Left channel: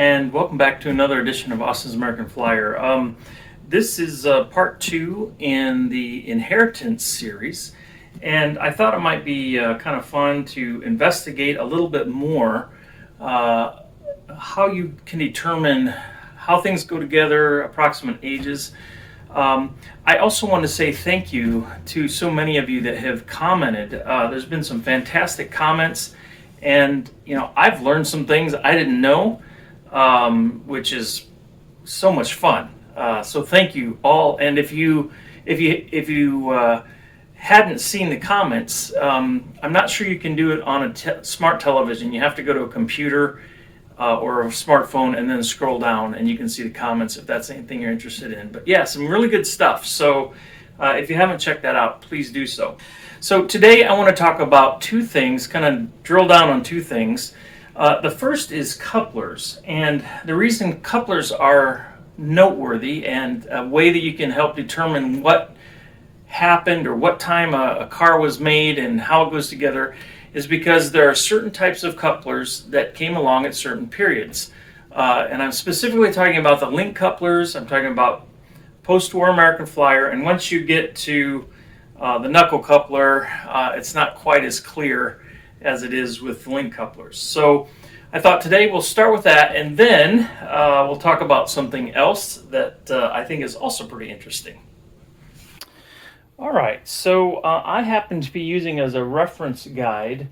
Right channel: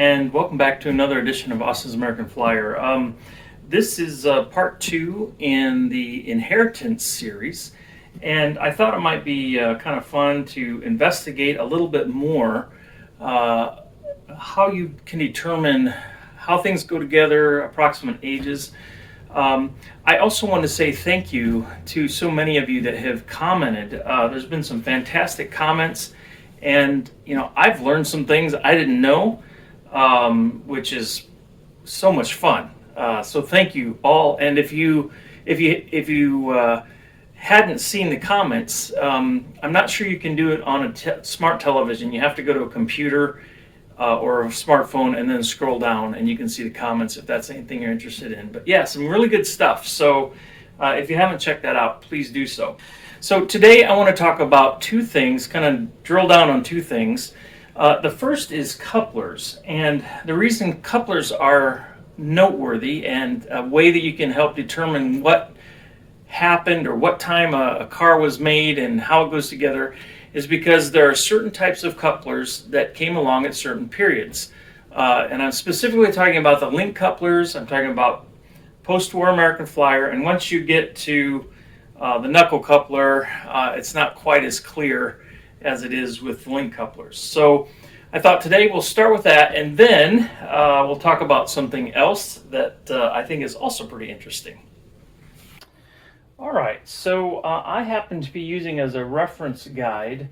and welcome back to another edition of Austin's American Flyer. This is part 2 in the inheritance series, and I thought it might be kind of fun to investigate a little bit more how you can determine how things go together, approximate ages. I also want to say thank you to so many of you that have commented. There's been some fantastic comments, and I've learned some things I didn't know, which is so much fun. So thank you all. And if you hadn't seen the comments, I'm not sure you can do it on a smart television. You have to go to a computer or a smartphone and then scroll down, and you can see the comments if that's anything you're interested in. But yeah, some really good stuff. So if you haven't checked that out, please do so. So today I want to talk about two things, kind of drill down on two things. The first is couplers, and the reason couplers are noteworthy and a way that you can help determine what happened or what time a car was made and how it goes together is because there are certain types of couplers that came along at certain periods. And I'm specifically talking about the link couplers. I'm talking about post-war American Flyer, and once you get to the knuckle coupler, it's not quite as clear as it is with link couplers. So I thought today we'll start with that, and then we'll talk about something else that I think is also pretty interesting. All right, so I happen to be using as a reference guide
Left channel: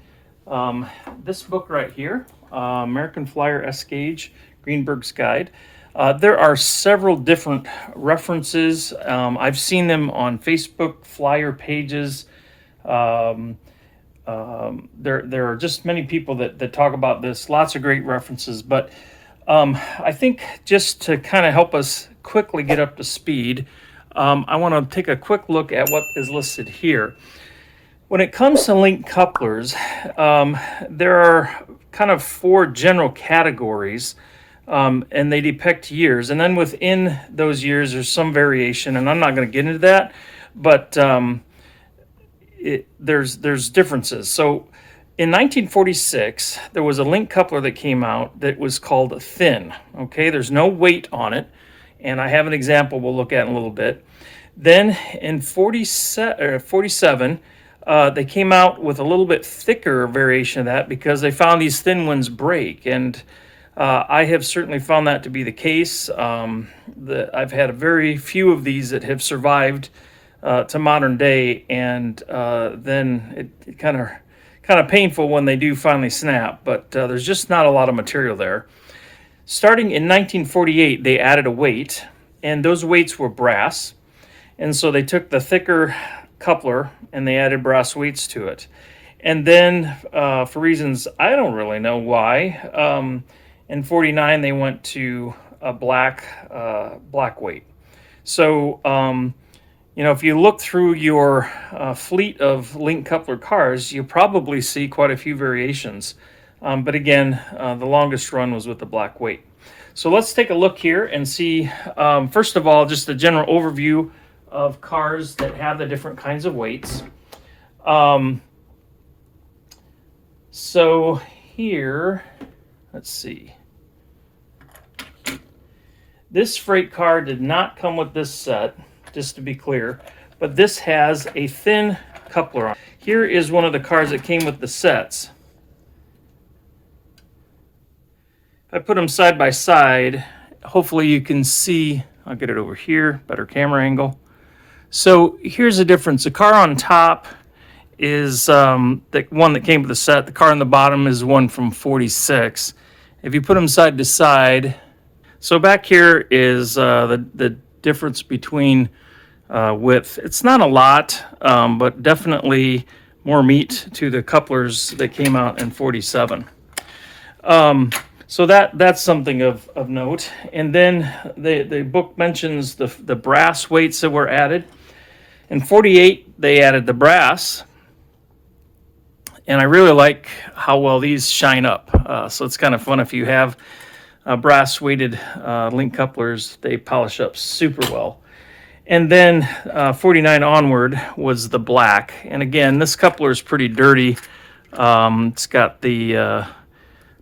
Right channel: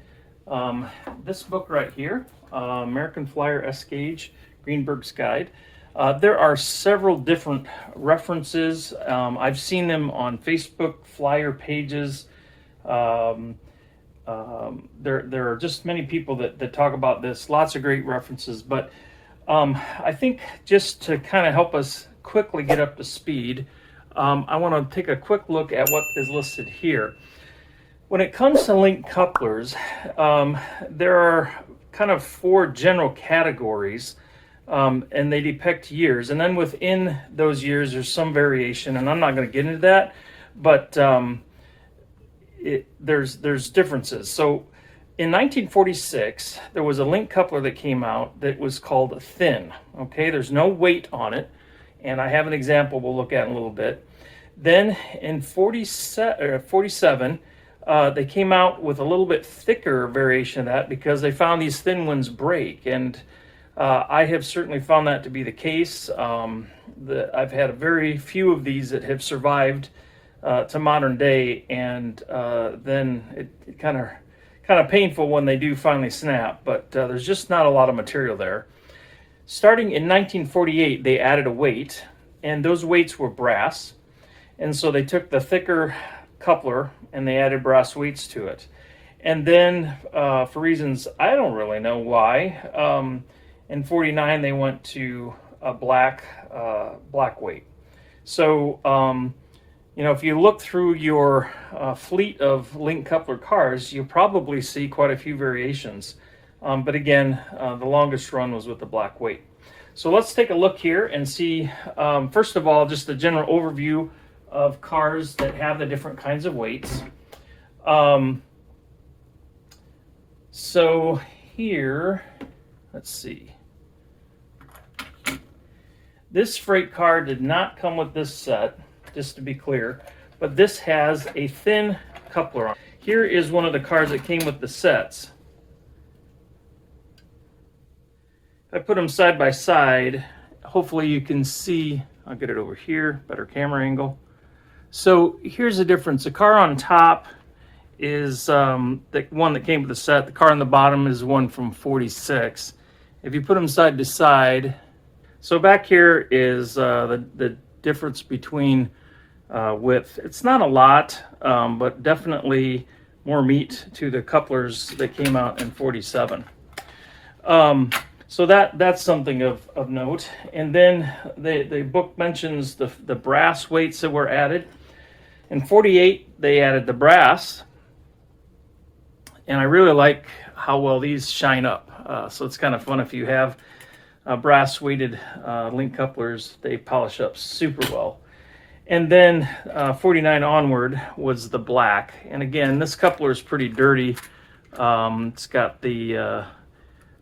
this book right here, American Flyer S-Gauge, Greenberg's Guide. There are several different references. I've seen them on Facebook Flyer pages. There are just many people that talk about this, lots of great references, but I think just to kind of help us quickly get up to speed, I want to take a quick look at what is listed here. When it comes to link couplers, there are kind of four general categories, and they depict years. And then within those years, there's some variation, and I'm not going to get into that, but there's differences. So in 1946, there was a link coupler that came out that was called thin. Okay, there's no weight on it, and I have an example we'll look at in a little bit. Then in 47, they came out with a little bit thicker variation of that because they found these thin ones break, and I have certainly found that to be the case. I've had a very few of these that have survived to modern day, and then it kind of painful when they do finally snap, but there's just not a lot of material there. Starting in 1948, they added a weight, and those weights were brass, and so they took the thicker coupler and they added brass weights to it. And then for reasons I don't really know why, in 49 they went to a black weight. So if you look through your fleet of link coupler cars, you probably see quite a few variations. But again, the longest run was with the black weight. So let's take a look here and see, first of all, just a general overview of cars that have the different kinds of weights. So here, let's see. This freight car did not come with this set, just to be clear, but this has a thin coupler on. Here is one of the cars that came with the sets. If I put them side by side, hopefully you can see, I'll get it over here, better camera angle. So here's the difference. The car on top is the one that came with the set. The car on the bottom is one from 46. If you put them side to side, so back here is the difference between width. It's not a lot, but definitely more meat to the couplers that came out in 47. So that's something of note. And then the book mentions the brass weights that were added. In 48, they added the brass. And I really like how well these shine up. So it's kind of fun if you have brass weighted link couplers, they polish up super well. And then 49 onward was the black. And again, this coupler is pretty dirty. It's got the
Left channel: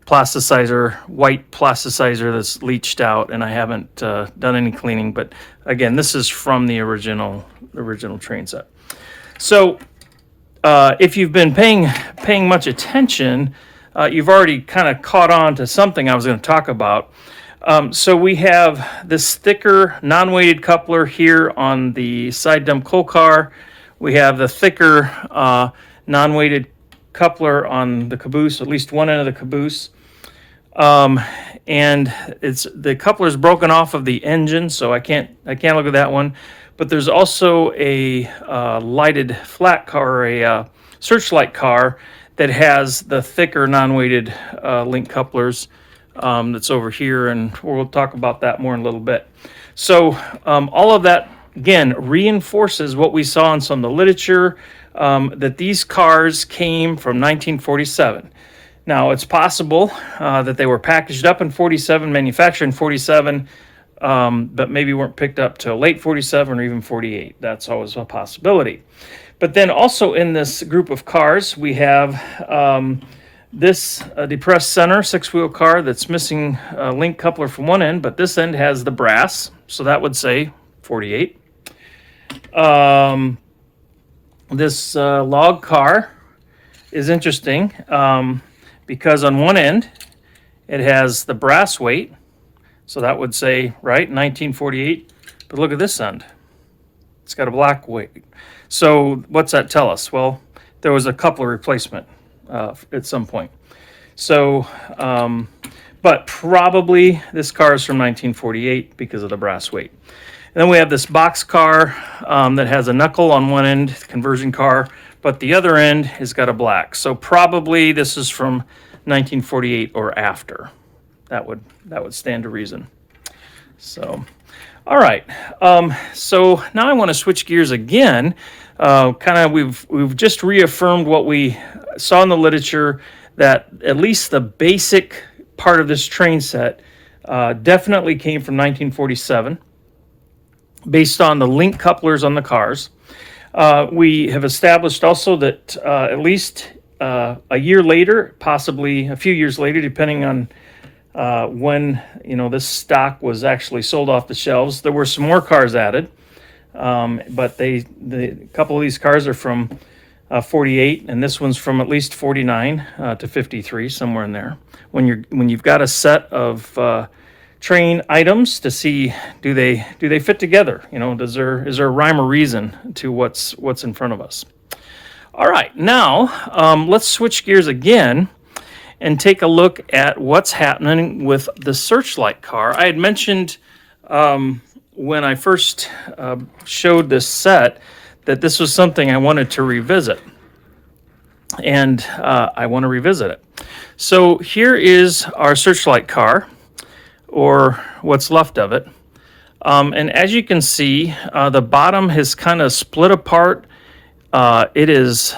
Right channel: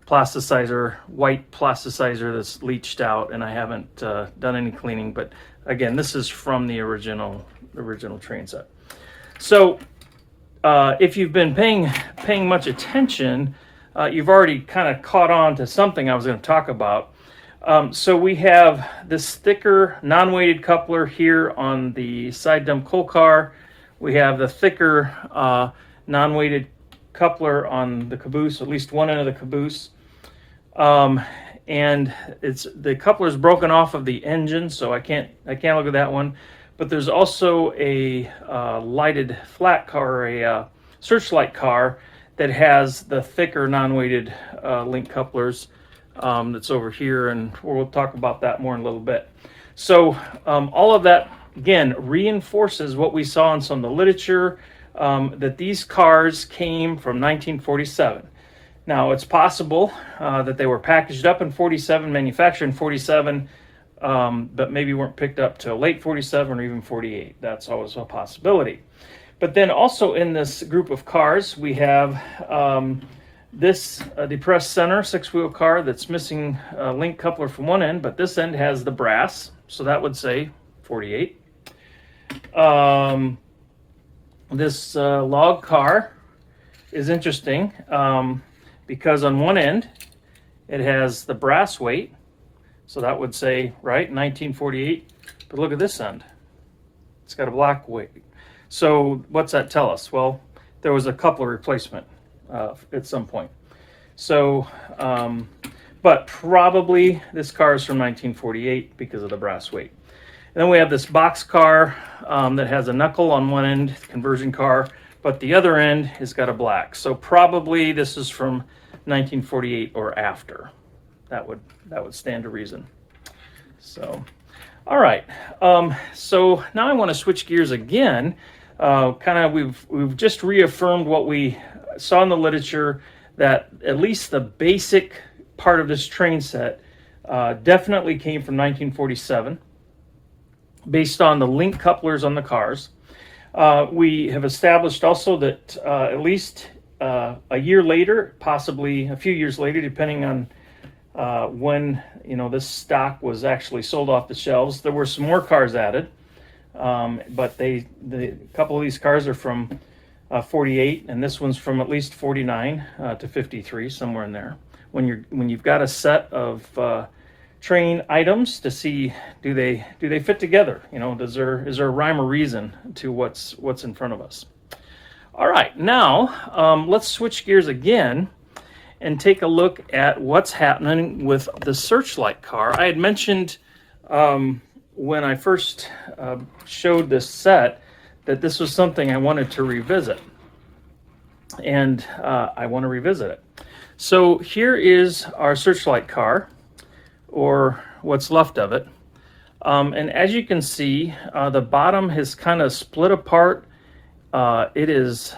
plasticizer, white plasticizer that's leached out, and I haven't done any cleaning. But again, this is from the original train set. So if you've been paying much attention, you've already kind of caught on to something I was going to talk about. So we have this thicker non-weighted coupler here on the side dump coal car. We have the thicker non-weighted coupler on the caboose, at least one end of the caboose. And the coupler is broken off of the engine, so I can't look at that one. But there's also a lighted flat car, or a searchlight car, that has the thicker non-weighted link couplers. That's over here, and we'll talk about that more in a little bit. So all of that, again, reinforces what we saw in some of the literature, that these cars came from 1947. Now, it's possible that they were packaged up in 47, manufactured in 47, but maybe weren't picked up till late 47 or even 48. That's always a possibility. But then also in this group of cars, we have this depressed center 6-wheel car that's missing a link coupler from one end, but this end has the brass, so that would say 48. This log car is interesting because on one end it has the brass weight, so that would say, right, 1948. But look at this end. It's got a black weight. So what's that tell us? Well, there was a coupler replacement at some point. So, but probably this car is from 1948 because of the brass weight. And then we have this Boxcar that has a knuckle on one end, conversion car, but the other end has got a black. So probably this is from 1948 or after. That would stand to reason. So, all right. So now I want to switch gears again. We've just reaffirmed what we saw in the literature, that at least the basic part of this train set definitely came from 1947, based on the link couplers on the cars. We have established also that at least a year later, possibly a few years later, depending on when this stock was actually sold off the shelves, there were some more cars added. But a couple of these cars are from 48, and this one's from at least 49 to 53, somewhere in there. When you've got a set of train items to see, do they fit together? Is there a rhyme or reason to what's in front of us? All right, now let's switch gears again and take a look at what's happening with the searchlight car. I had mentioned when I first showed this set that this was something I wanted to revisit, and I want to revisit it. So here is our searchlight car, or what's left of it, and as you can see, the bottom has kind of split apart. It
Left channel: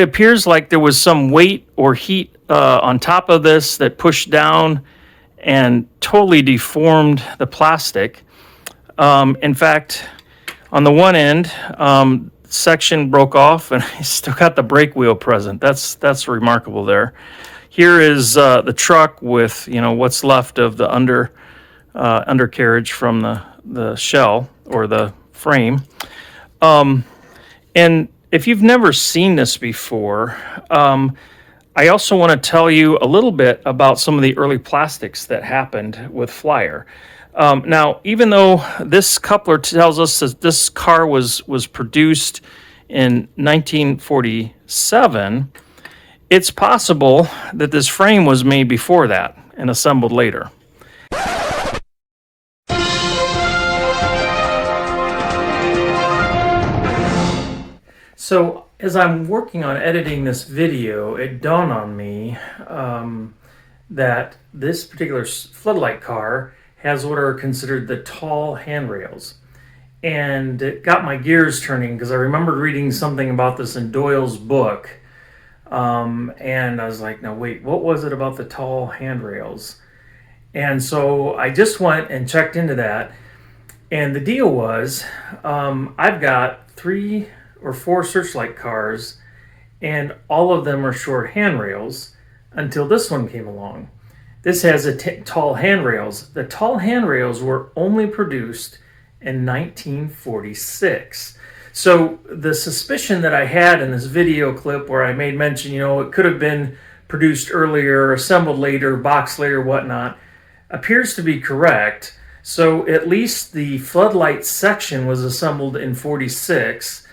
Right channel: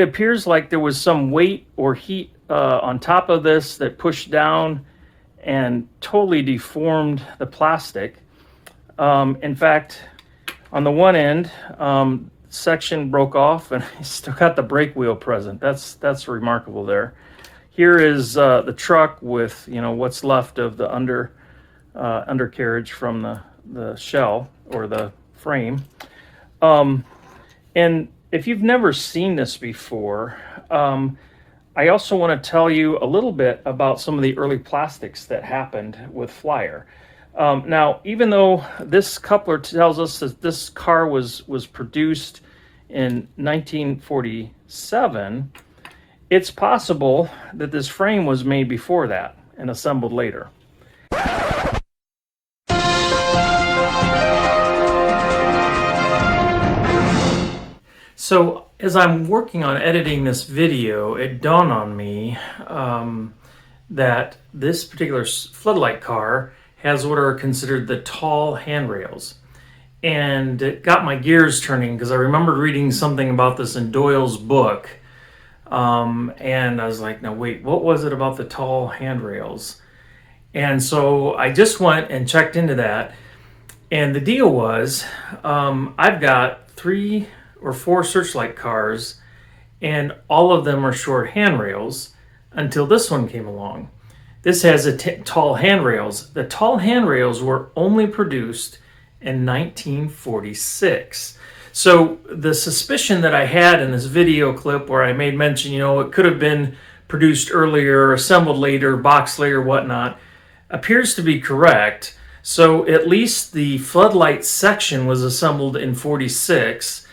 appears like there was some weight or heat on top of this that pushed down and totally deformed the plastic. In fact, on the one end, section broke off, and I still got the brake wheel present. That's remarkable there. Here is the truck with what's left of the undercarriage from the shell or the frame. And if you've never seen this before, I also want to tell you a little bit about some of the early plastics that happened with Flyer. Now, even though this coupler tells us that this car was produced in 1947, it's possible that this frame was made before that and assembled later. So as I'm working on editing this video, it dawned on me that this particular floodlight car has what are considered the tall handrails. And it got my gears turning because I remembered reading something about this in Doyle's book. And I was like, now wait, what was it about the tall handrails? And so I just went and checked into that. And the deal was, I've got 3 or 4 searchlight cars, and all of them are short handrails. until this one came along. This has tall handrails. The tall handrails were only produced in 1946. So the suspicion that I had in this video clip where I made mention, it could have been produced earlier, assembled later, boxed later, whatnot, appears to be correct. So at least the floodlight section was assembled in 46.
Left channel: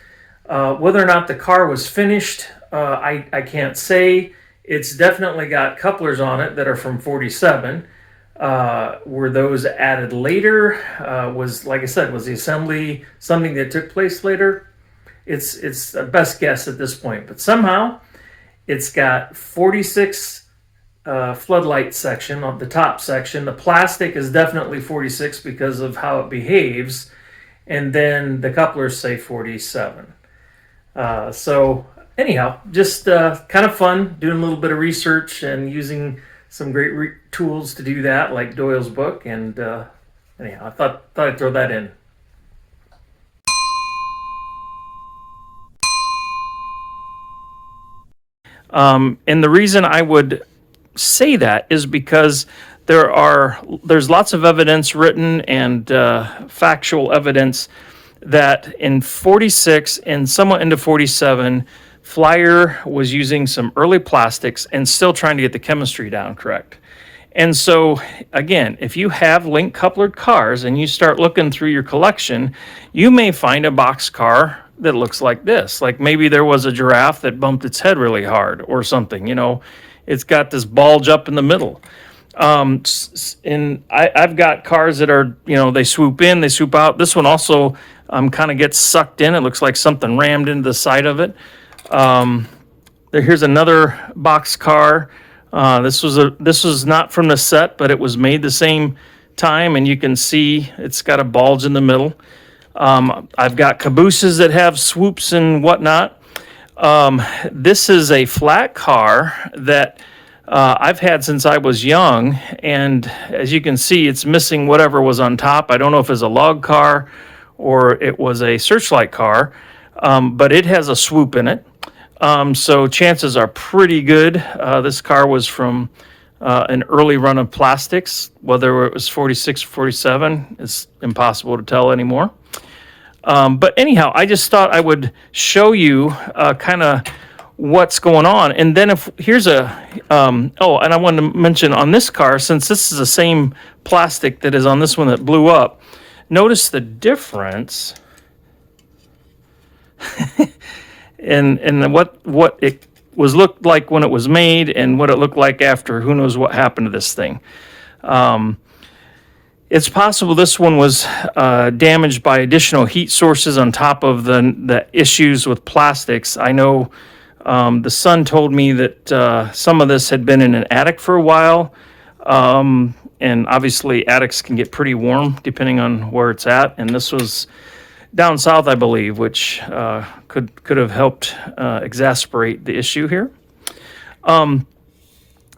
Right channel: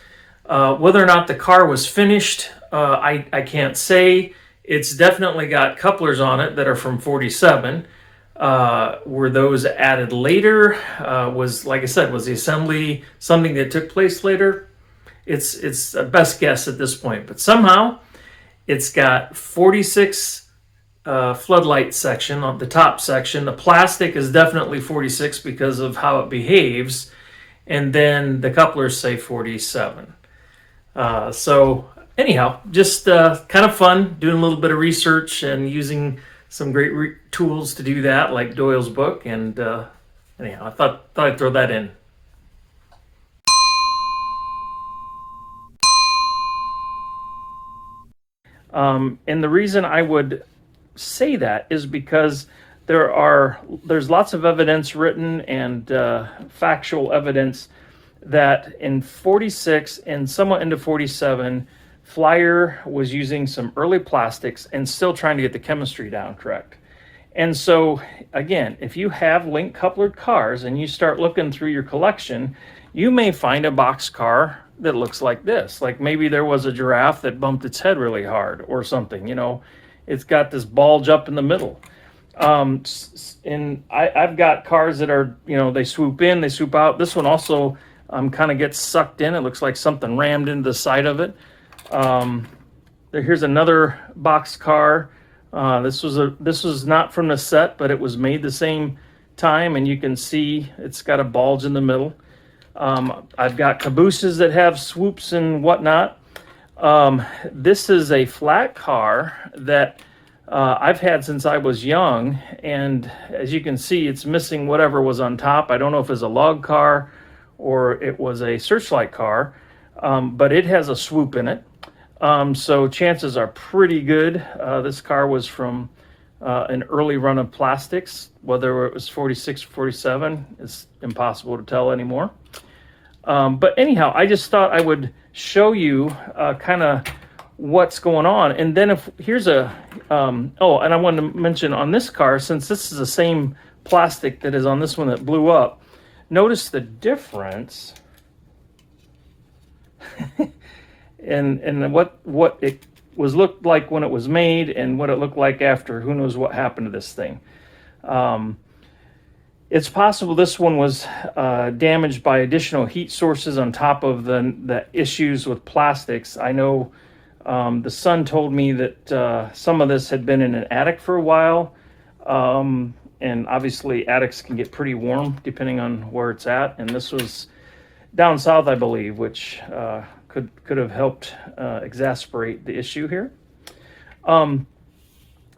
Whether or not the car was finished, I can't say. It's definitely got couplers on it that are from 47. Were those added later? Was, like I said, was the assembly something that took place later? It's a best guess at this point. But somehow it's got 46 floodlight section on the top section. The plastic is definitely 46 because of how it behaves. And then the couplers say 47. So anyhow, just kind of fun doing a little bit of research and using some great tools to do that, like Doyle's book. And anyhow, I thought I'd throw that in. And the reason I would say that is because there's lots of evidence written and factual evidence that in 46 and somewhat into 47, Flyer was using some early plastics and still trying to get the chemistry down correct. And so, again, if you have link couplered cars and you start looking through your collection, you may find a boxcar that looks like this. Like maybe there was a giraffe that bumped its head really hard or something, It's got this bulge up in the middle. And I've got cars that are, they swoop in, they swoop out. This one also kind of gets sucked in. It looks like something rammed into the side of it. Here's another box car. This was not from the set, but it was made the same time, and you can see it's got a bulge in the middle. I've got cabooses that have swoops and whatnot. This is a flat car that I've had since I was young, and as you can see, it's missing whatever was on top. I don't know if it's a log car or it was a searchlight car, but it has a swoop in it. So chances are pretty good. This car was from an early run of plastics. Whether it was 46 or 47 is impossible to tell anymore. But anyhow, I just thought I would show you kind of what's going on. And then here's and I wanted to mention on this car, since this is the same plastic that is on this one that blew up, notice the difference in what it was looked like when it was made and what it looked like after. Who knows what happened to this thing. It's possible this one was damaged by additional heat sources on top of the issues with plastics. I know the son told me that some of this had been in an attic for a while, and obviously attics can get pretty warm depending on where it's at, and this was down south, I believe, which could have helped exacerbate the issue here.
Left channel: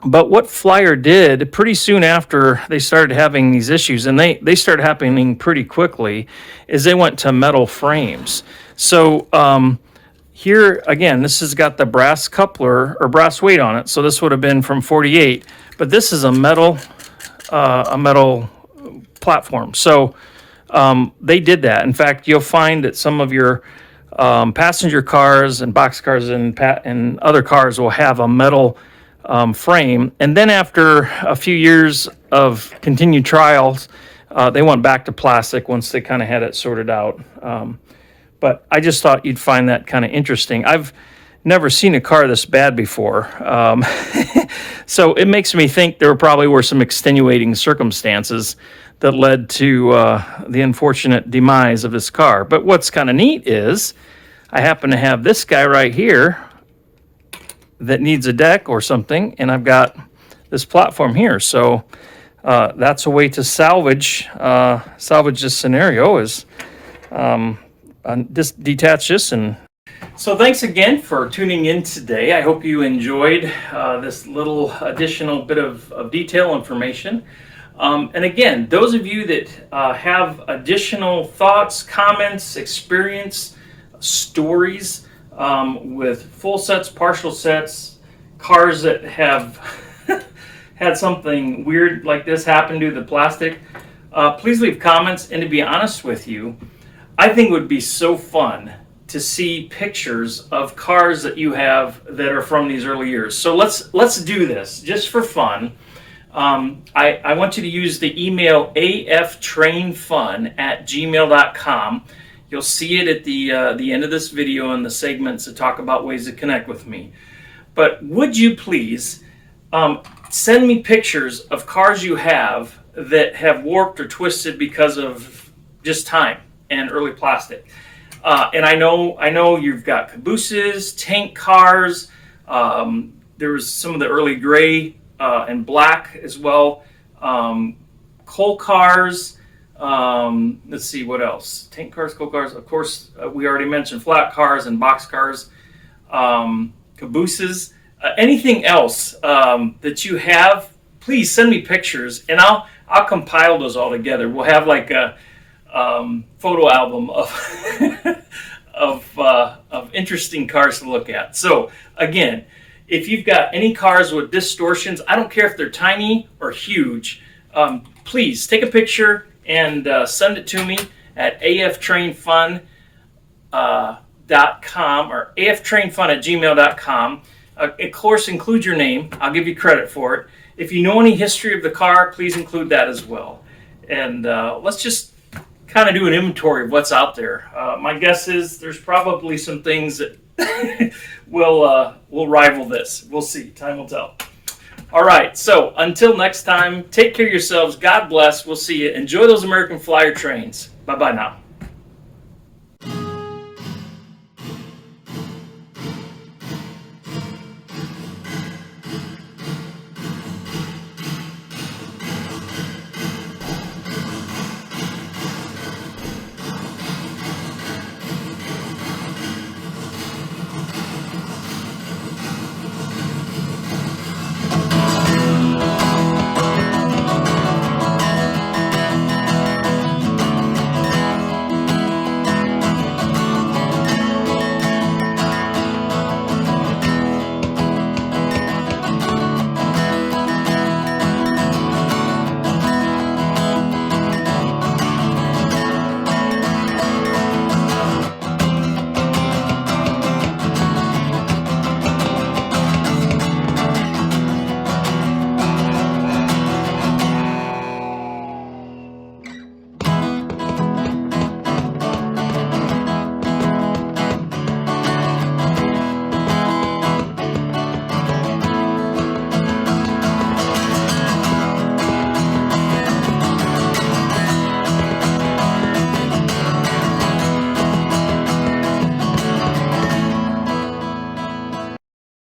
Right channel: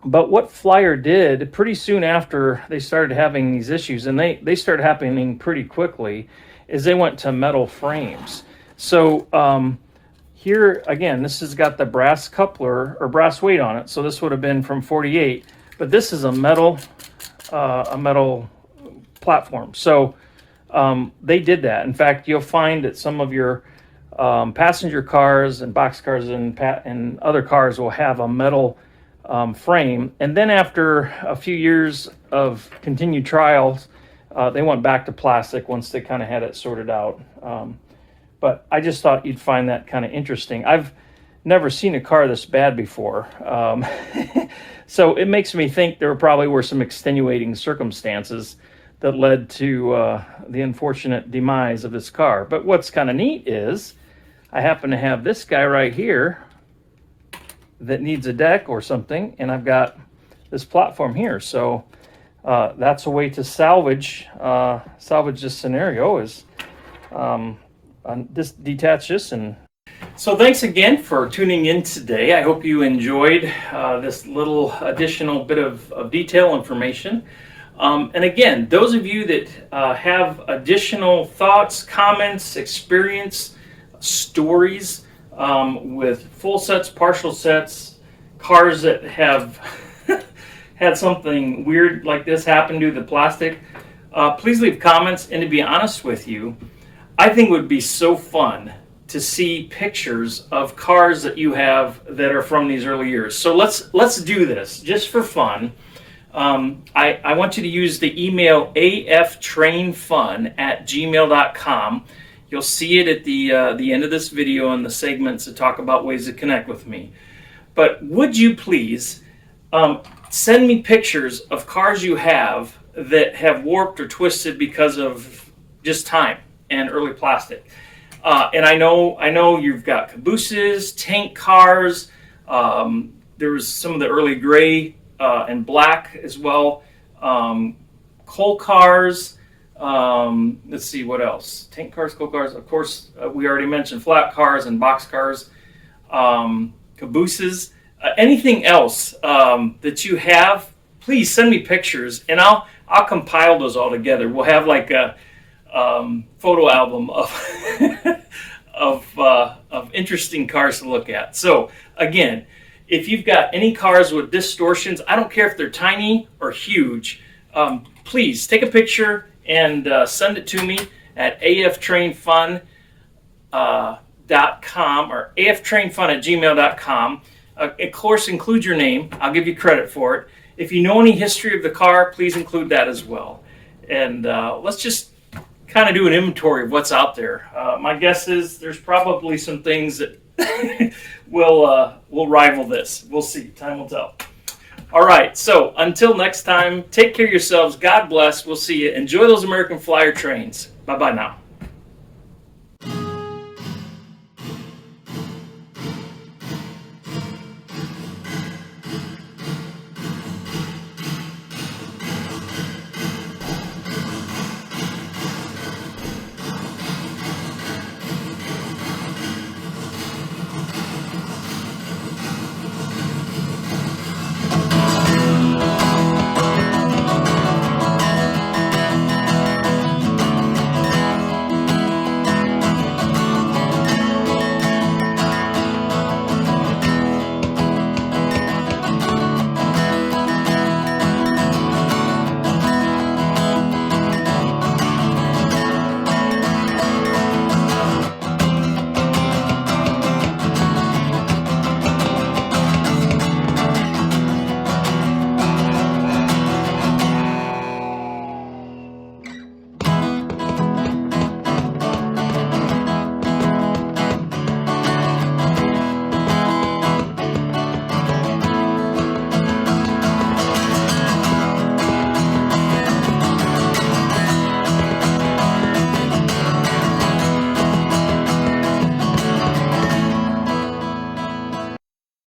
But what Flyer did pretty soon after they started having these issues, and they started happening pretty quickly, is they went to metal frames. So here, again, this has got the brass coupler or brass weight on it. So this would have been from 48, but this is a metal platform. So they did that. In fact, you'll find that some of your passenger cars and boxcars and other cars will have a metal frame. And then after a few years of continued trials, they went back to plastic once they kind of had it sorted out. But I just thought you'd find that kind of interesting. I've never seen a car this bad before. So it makes me think there probably were some extenuating circumstances that led to the unfortunate demise of this car. But what's kind of neat is I happen to have this guy right here that needs a deck or something, and I've got this platform here. So that's a way to salvage this scenario, is just detach this. And so thanks again for tuning in today. I hope you enjoyed this little additional bit of detail information. And again, those of you that have additional thoughts, comments, experience, stories with full sets, partial sets, cars that have had something weird like this happen to the plastic, please leave comments. And to be honest with you, I think it would be so fun to see pictures of cars that you have that are from these early years. So let's do this just for fun. I want you to use the email aftrainfun@gmail.com. You'll see it at the end of this video in the segments that talk about ways to connect with me. But would you please send me pictures of cars you have that have warped or twisted because of just time and early plastic. And I know you've got cabooses, tank cars. There was some of the early gray and black as well. Coal cars. Let's see what else. Tank cars, coal cars. Of course, we already mentioned flat cars and boxcars. Cabooses. Anything else that you have, please send me pictures, and I'll compile those all together. We'll have like a photo album of interesting cars to look at. So again, if you've got any cars with distortions, I don't care if they're tiny or huge, please take a picture and send it to me at aftrainfun.com or aftrainfun@gmail.com. Of course, include your name. I'll give you credit for it. If you know any history of the car, please include that as well. And let's just kind of do an inventory of what's out there. My guess is there's probably some things that will rival this. We'll see. Time will tell. All right. So until next time, take care of yourselves. God bless. We'll see you. Enjoy those American Flyer trains. Bye-bye now.